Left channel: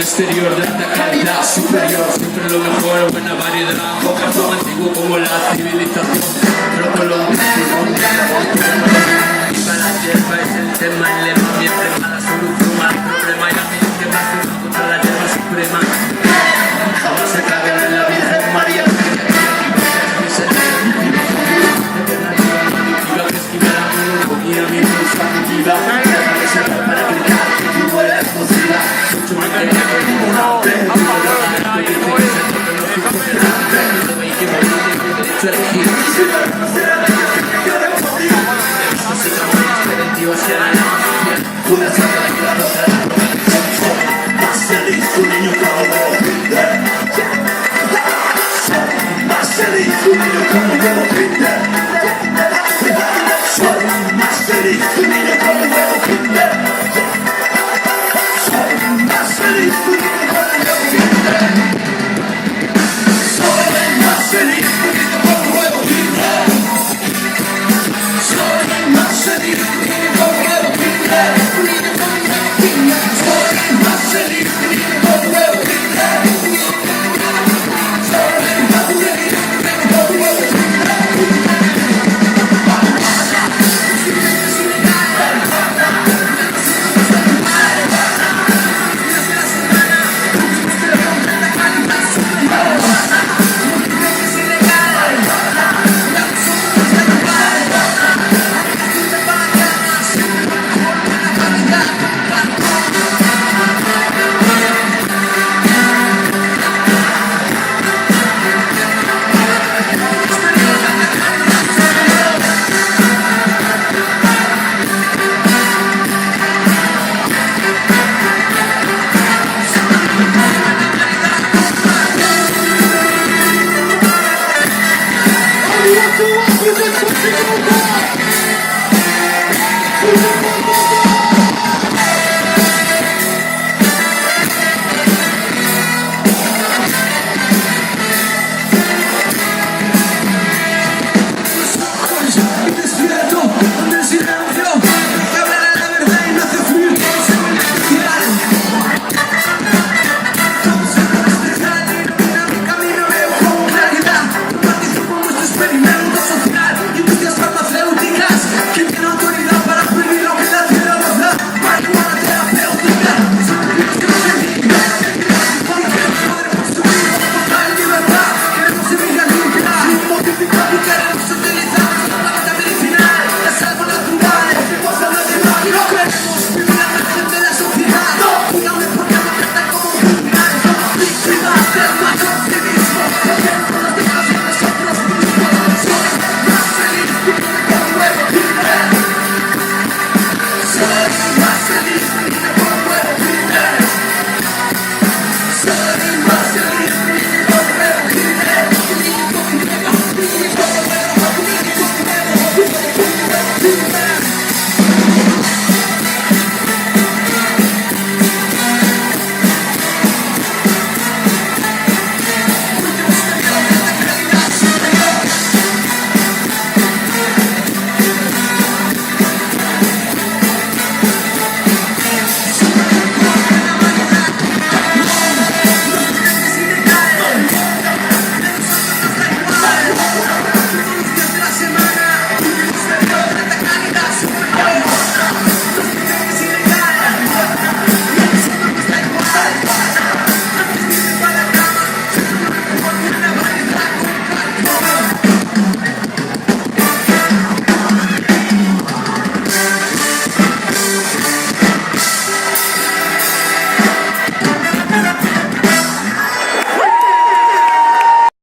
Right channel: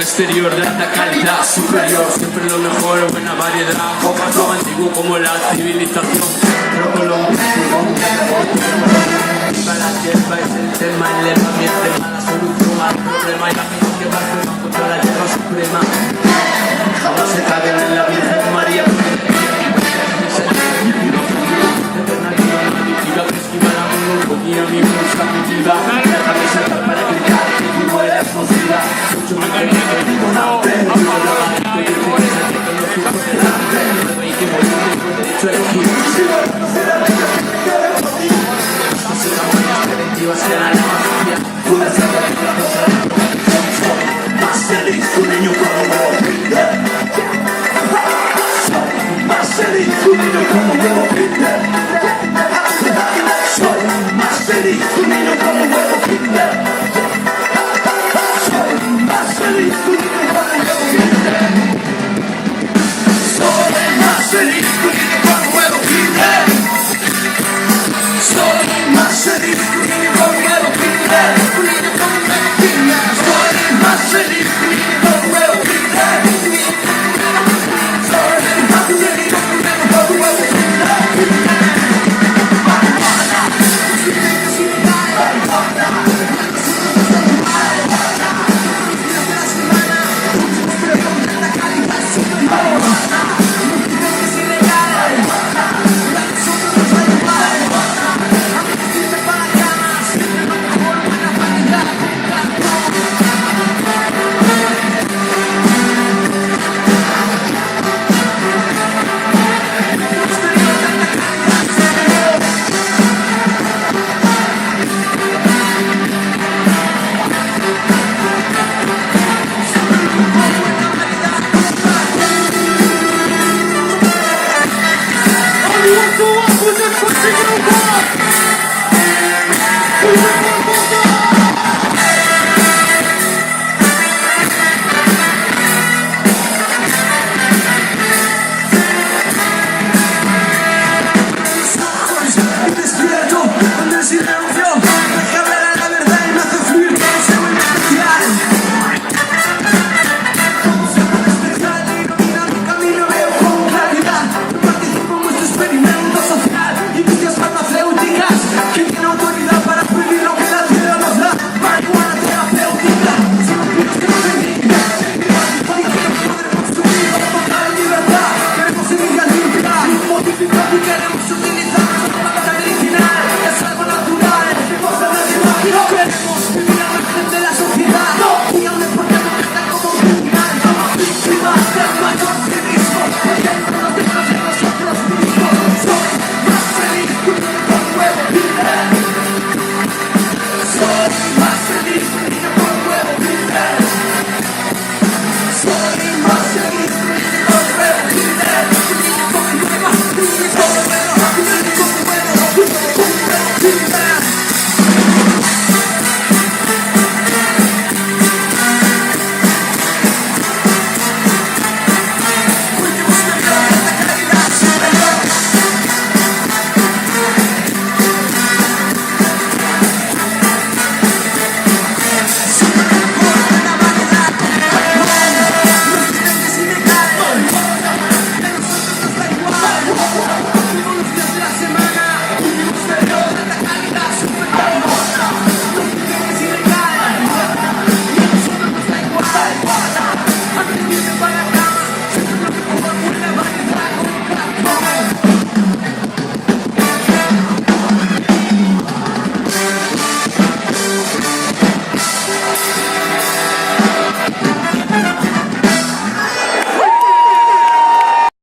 Exterior de alta calidad superior, siempre lo mejor, buena variedad, poco antiguo como la civilización, pero con lo antiguo, la tierra es el tema, el levamiento, la solución al problema, y la gente va contra la tierra suprema, jamás se cae en la Virgen María, y a mí me gusta mi vida, Soy más feliz,